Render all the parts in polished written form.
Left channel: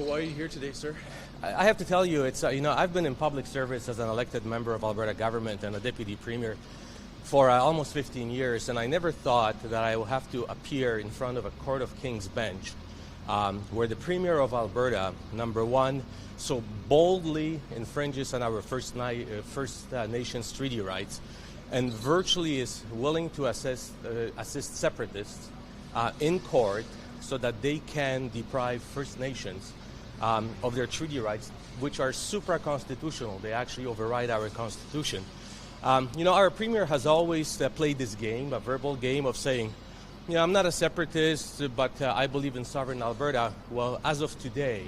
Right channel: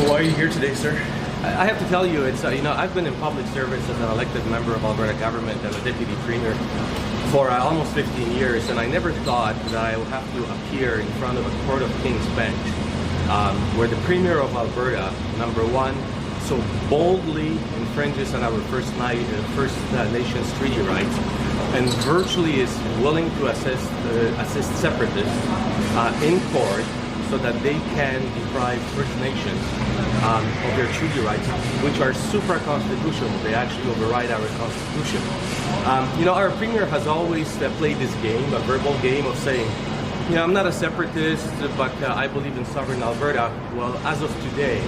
So why are you here today, sir? I have to tell you, it's I've been in public service as an elected member of Alberta government and a deputy premier for almost 15 years, and I never thought that I would have to appear in front of a court of King's Bench where the premier of Alberta, number one, so boldly infringes on our First Nations treaty rights and virtually is willing to assist separatists in court so that they can deprive First Nations of their treaty rights, which are supra-constitutional. They actually override our Constitution. Our premier has always played this game, a verbal game of saying, I'm not a separatist, but I believe in sovereign Alberta. Well, as of today,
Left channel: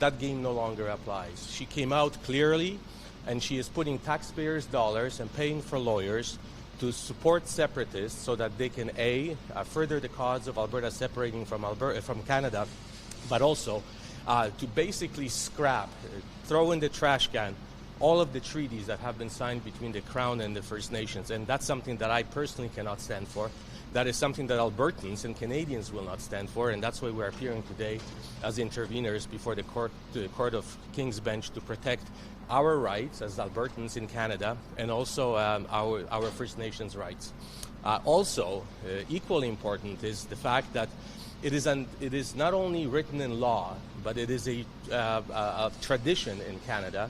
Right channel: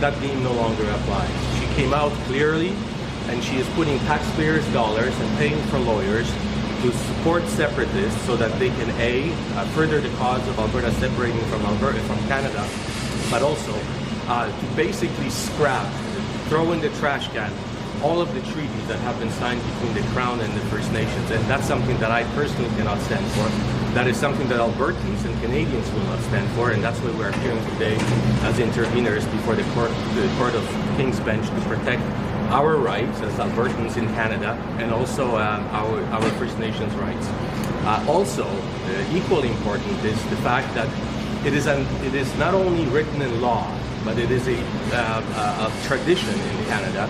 that game no longer applies. She came out clearly, and she is putting taxpayers' dollars and paying for lawyers to support separatists so that they can further the cause of Alberta separating from Canada, but also to basically scrap, throw in the trash can all of the treaties that have been signed between the Crown and the First Nations, and that's something that I personally cannot stand for. That is something that Albertans and Canadians will not stand for, and that's why we're appearing today as interveners before the Court of King's Bench to protect our rights as Albertans in Canada, and also our First Nations rights. Also, equally important is the fact that it is not only written in law, but it is a tradition in Canada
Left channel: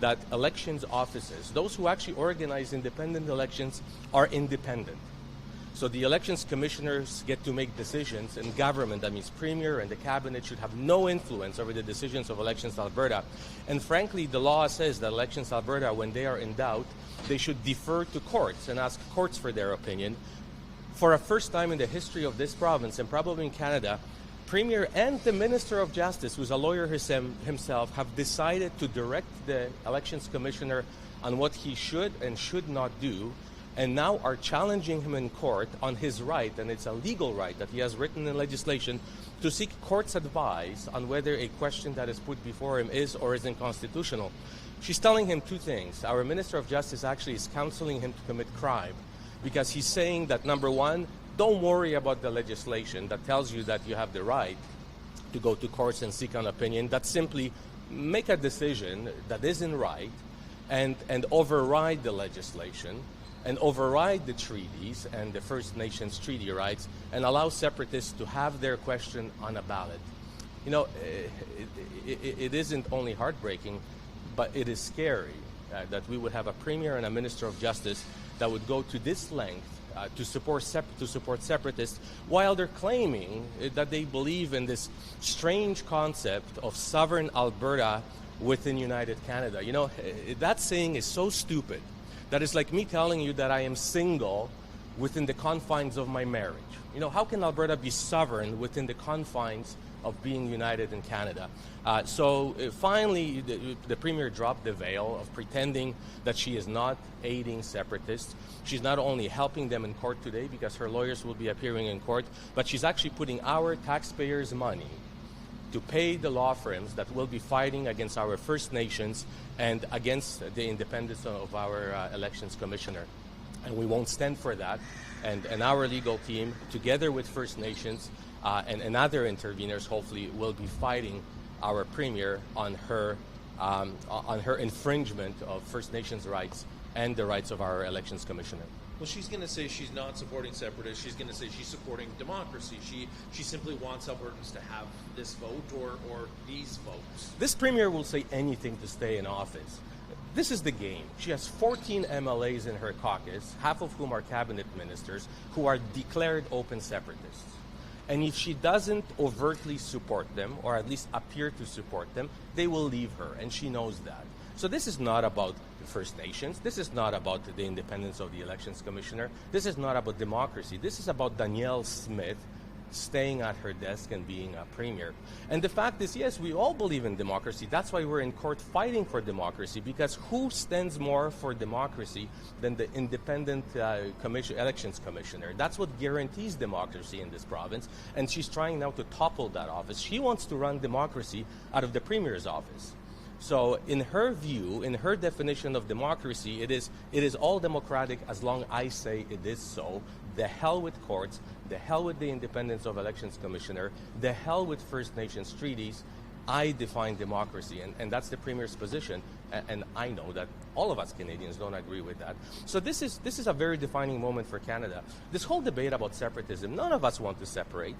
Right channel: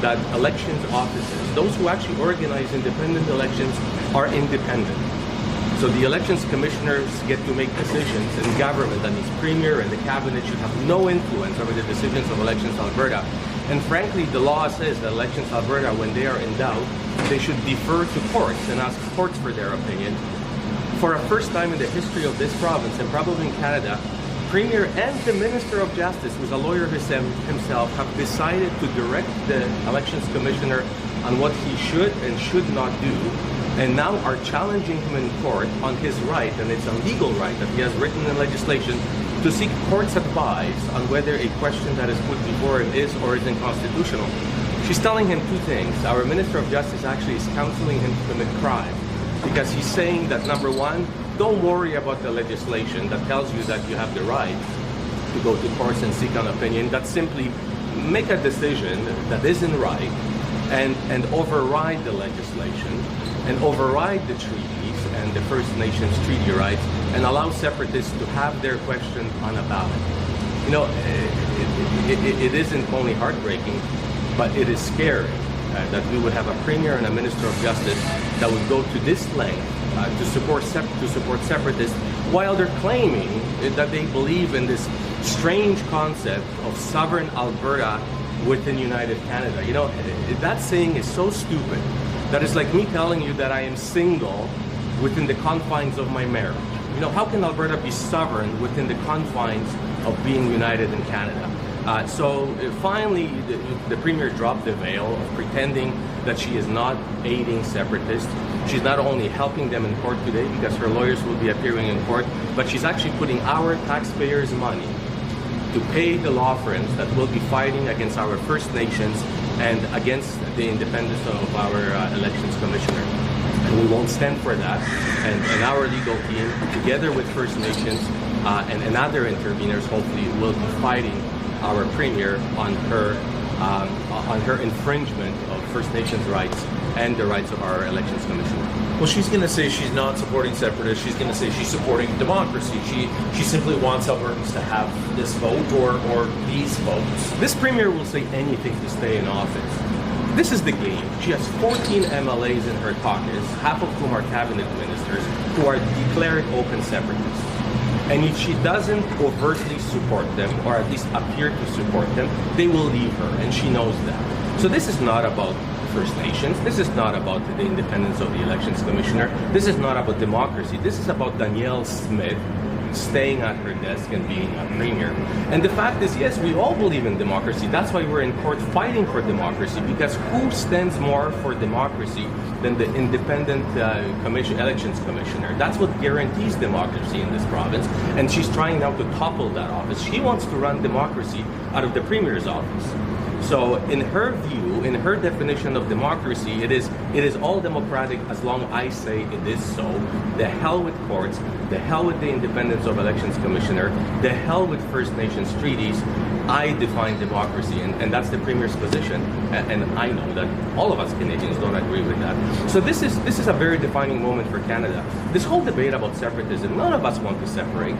that elections officers, those who actually organize independent elections, are independent. So the elections commissioners get to make decisions, and government, that means premier and the cabinet, should have no influence over the decisions of Elections Alberta. And frankly, the law says that Elections Alberta, when they are in doubt, they should defer to courts and ask courts for their opinion. For a first time in the history of this province, and probably in Canada, Premier and the Minister of Justice, who's a lawyer himself, have decided to direct the Elections Commissioner on what he should and should not do, and now are challenging him in court on his right, and it's a legal right that he has written in legislation, to seek court's advice on whether a question that is put before him is or isn't constitutional. She's telling him two things. Our Minister of Justice actually is counseling him to commit crime, because he's saying that, number one, don't worry about the legislation that tells you that you have the right to go to courts and seek an opinion. That simply make a decision that isn't right and override the legislation and override the treaties and the First Nations treaty rights and allow separatists to have their question on a ballot. It isn't only heartbreaking, but it is scary that we would have a premier and a Minister of Justice that would go to this length to support separatists, while they're claiming that they believe in this strange concept of sovereign Alberta within United Canada. That saying is so stupid that it's like me telling you that I am single within the confines of my marriage. How can Alberta be sovereign within the confines of being united in Canada? So finally, the Premier dropped the veil of pretending that she is not aiding separatists. She's not only helping them in court today because her lawyers will be appearing in court, but she's actually putting our taxpayers' money to pay the law firms that will be fighting against our First Nations and against the independence of our Elections Commissioner. And we won't stand for that. And our legal team, together with First Nations and other interveners, hopefully will be fighting our Premier on her infringement of First Nations rights and the rights of our Elections Commissioner. Well, she's going to say she's not supporting separatists. She's going to say she's supporting democracy. She simply wants Albertans to have this vote or these votes. This Premier will say anything to stay in office. This is the game. She has 14 MLAs in her caucus, half of whom are cabinet ministers, who are declared open separatists. And if she doesn't overtly support them, or at least appear to support them, they will leave her, and she knows that. So this is not about First Nations. This is not about the independence of the Elections Commissioner. This is not about democracy. This is about Danielle Smith staying at her desk and being a premier. And the fact is, yes, we all believe in democracy. That's why we're in court fighting for democracy, because who stands more for democracy than the independent Elections Commissioner? That's what guarantees democracy in this province, and she's trying now to topple that office. She wants to run democracy out of the Premier's office. So in her view, in her definition of democracy, it is all democratic as long as I say it is so. The hell with courts, the hell with the independence of elections commissioner, the hell with First Nations treaties. I define democracy, and that's the Premier's position, and I know that all of us Canadians don't agree with that. So this is a very defining moment for Canada. This whole debate about separatism, none of us want to separate.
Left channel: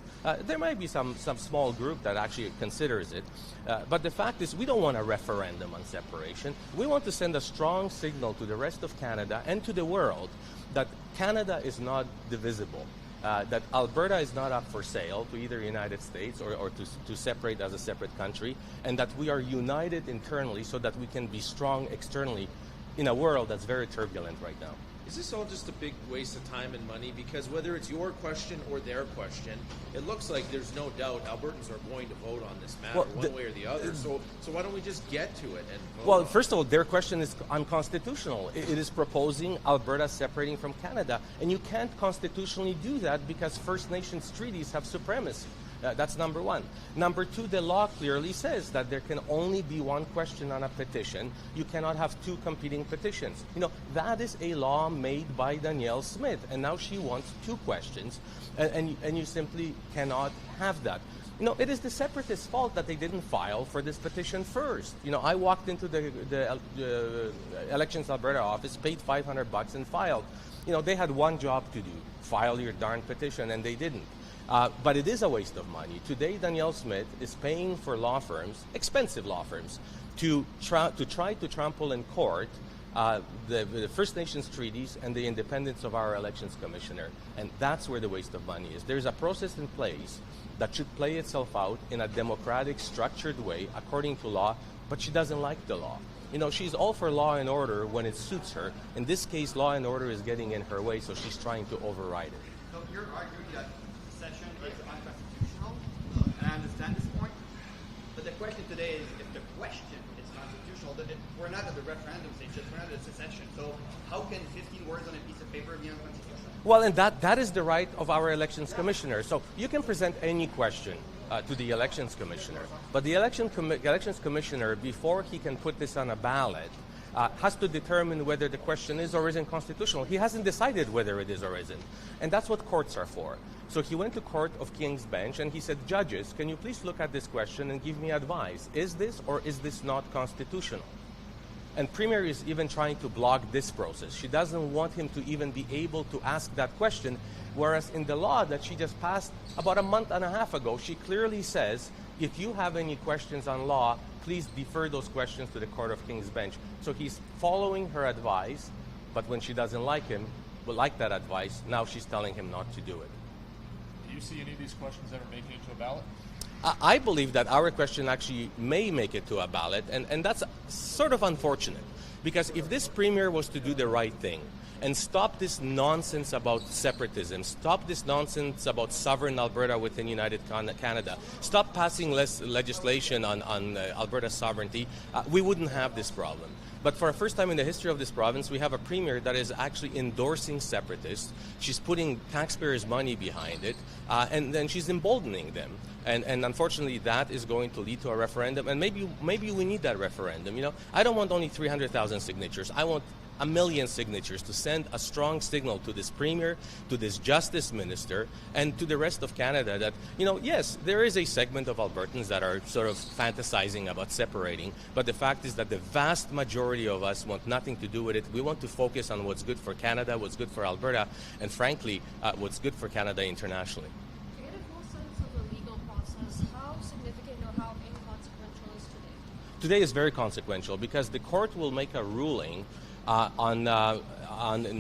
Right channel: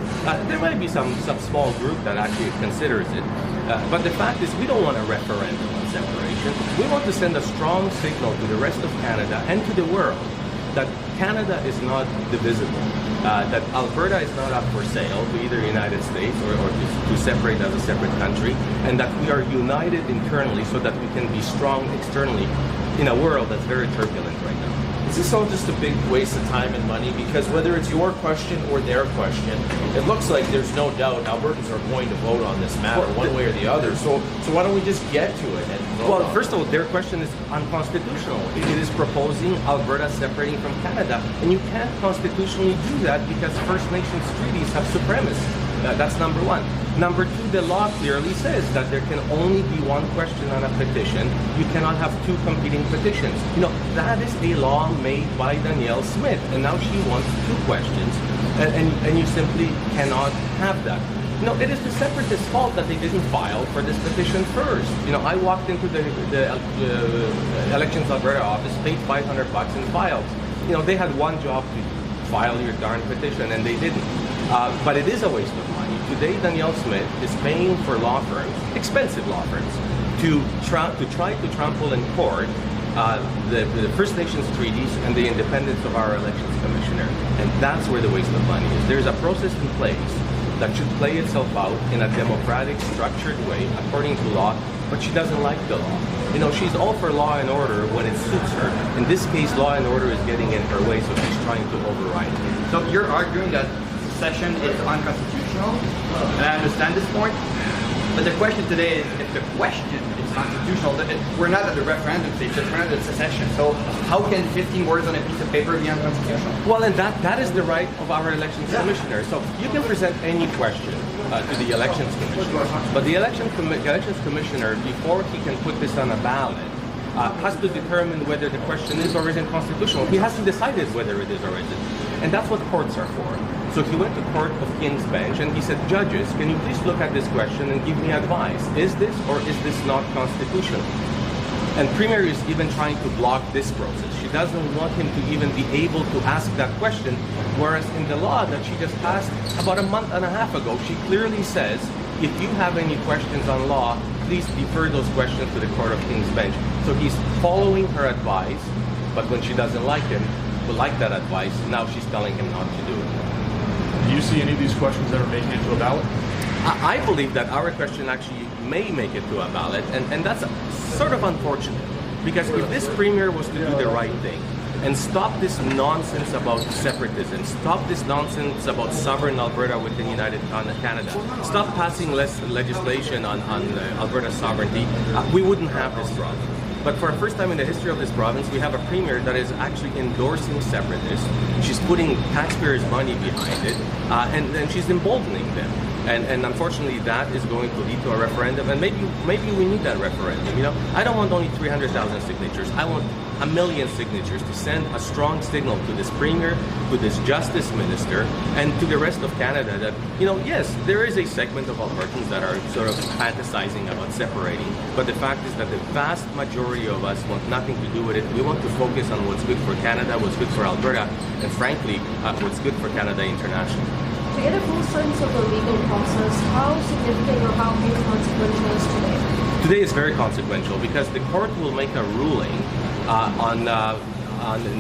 There might be some small group that actually considers it, but the fact is we don't want a referendum on separation. We want to send a strong signal to the rest of Canada and to the world that Canada is not divisible. That Alberta is not up for sale to either the United States or to separate as a separate country, and that we are united internally so that we can be strong externally in a world that's very turbulent right now. Is this all just a big waste of time and money? Because whether it's your question or their question, it looks like there's no doubt Albertans are going to vote on this matter one way or the other. So why don't we just get to it? Well, first of all, their question is unconstitutional. It is proposing Alberta separating from Canada, and you can't constitutionally do that because First Nations treaties have supremacy. That's number one. Number two, the law clearly says that there can only be one question on a petition. You cannot have two competing petitions. You know, that is a law made by Danielle Smith, and now she wants two questions, and you simply cannot have that. You know, it is the separatists' fault that they didn't file for this petition first. You know, I walked into the Elections Alberta office, paid $500 and filed. You know, they had one job to file your darn petition, and they didn't. But it is a waste of money. Today, Danielle Smith is paying for law firms, expensive law firms, to try to trample in court the First Nations treaties and the independence of our elections commissioner. And that's where the waste of money is. There's a process in place that should play itself out in a democratic, structured way, according to law, but she doesn't like the law. You know, she's all for law and order when it suits her. In this case, law and order is getting in her way, so she's trying to override it. So you're arguing that secession is unconstitutional, and I understand this point, but the question today is if the question is constitutional, we're not at the referendum stage, we're not at secession. So how can 15 words on a piece of paper be unconstitutional? Well, and that is the right of our elections commissioner. So you can present any question to the elections commissioner, but the elections commissioner, before he can put this on a ballot, has to determine whether the question is or isn't constitutional. He hasn't decided whether it is or isn't. And that's what courts are for. So he went to Court of King's Bench and he said, judges, can you please look at this question and give me advice? Is this or is this not constitutional? And Premier is even trying to block this process. She doesn't want him to even be able to ask that question, whereas in the law that she just passed about a month and a half ago, she clearly says, if you have any questions on law, please defer those questions to the Court of King's Bench. So he's following her advice, but when she doesn't like that advice, now she's telling him not to do it. Do you see any of these questions ever making it to a ballot? I believe that our question actually may make it to a ballot, and that's sort of unfortunate, because if this Premier was to do the right thing and stop this nonsense about separatism, stop this nonsense about sovereign Alberta within United Canada, stop passing legislation on Alberta sovereignty, we wouldn't have this problem. But for the first time in the history of this province, we have a premier that is actually endorsing separatists. She's putting taxpayers' money behind it, and she's emboldening them. And unfortunately, that is going to lead to a referendum. And maybe we need that referendum. You know, I don't want only 300,000 signatures. I want 1 million signatures to send a strong signal to this premier, to this justice minister, and to the rest of Canada that, you know, yes, there is a segment of Albertans that are sort of fantasizing about separating, but the fact is that the vast majority of us want nothing to do with it. We want to focus on what's good for Canada, what's good for Alberta, and frankly, what's good for Canada internationally. To get a full sense of the legal process, how significant or how consequential is today? Today is very consequential because the court will make a ruling on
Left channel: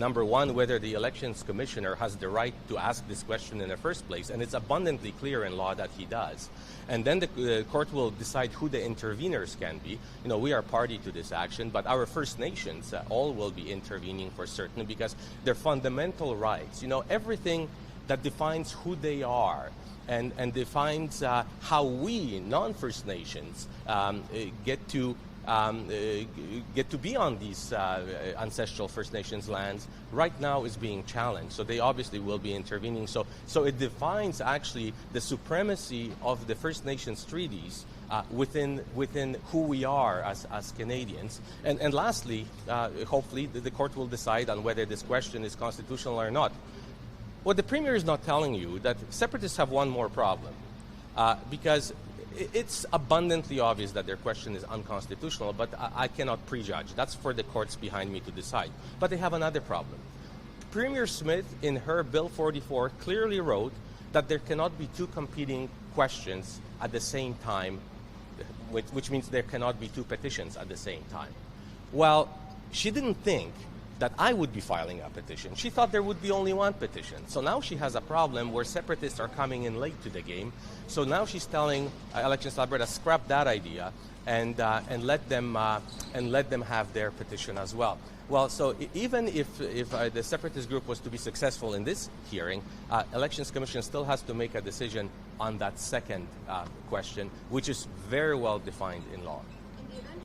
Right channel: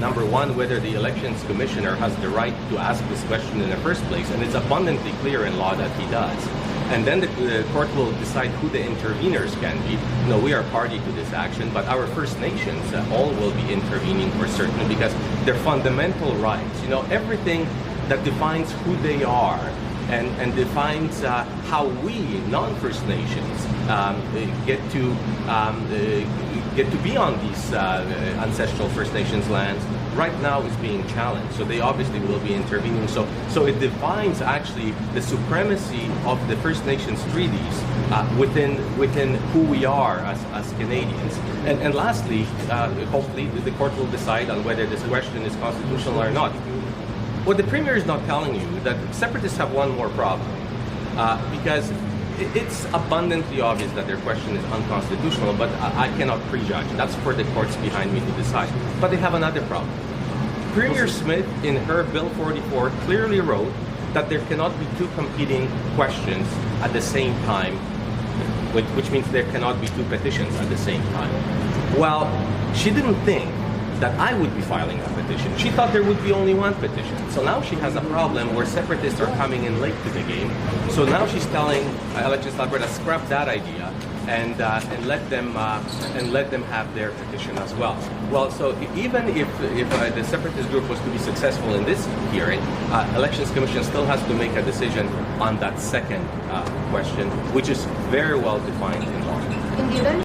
number one, whether the elections commissioner has the right to ask this question in the first place, and it's abundantly clear in law that he does. And then the court will decide who the intervenors can be. You know, we are party to this action, but our First Nations all will be intervening for certain because their fundamental rights, you know, everything that defines who they are and defines how we, non-First Nations, get to be on these ancestral First Nations lands, right now is being challenged. So they obviously will be intervening. So it defines actually the supremacy of the First Nations treaties within who we are as Canadians. And lastly, hopefully the court will decide on whether this question is constitutional or not. What the Premier is not telling you that separatists have one more problem, because it's abundantly obvious that their question is unconstitutional, but I cannot prejudge. That's for the courts behind me to decide. But they have another problem. Premier Smith, in her Bill 44, clearly wrote that there cannot be two competing questions at the same time, which means there cannot be two petitions at the same time. Well, she didn't think that I would be filing a petition. She thought there would be only one petition. So now she has a problem where separatists are coming in late to the game. So now she's telling Elections Alberta, scrap that idea and let them have their petition as well. Well, so even if the separatist group was to be successful in this hearing, Elections Commission still has to make a decision on that second question, which is very well defined in law. In the event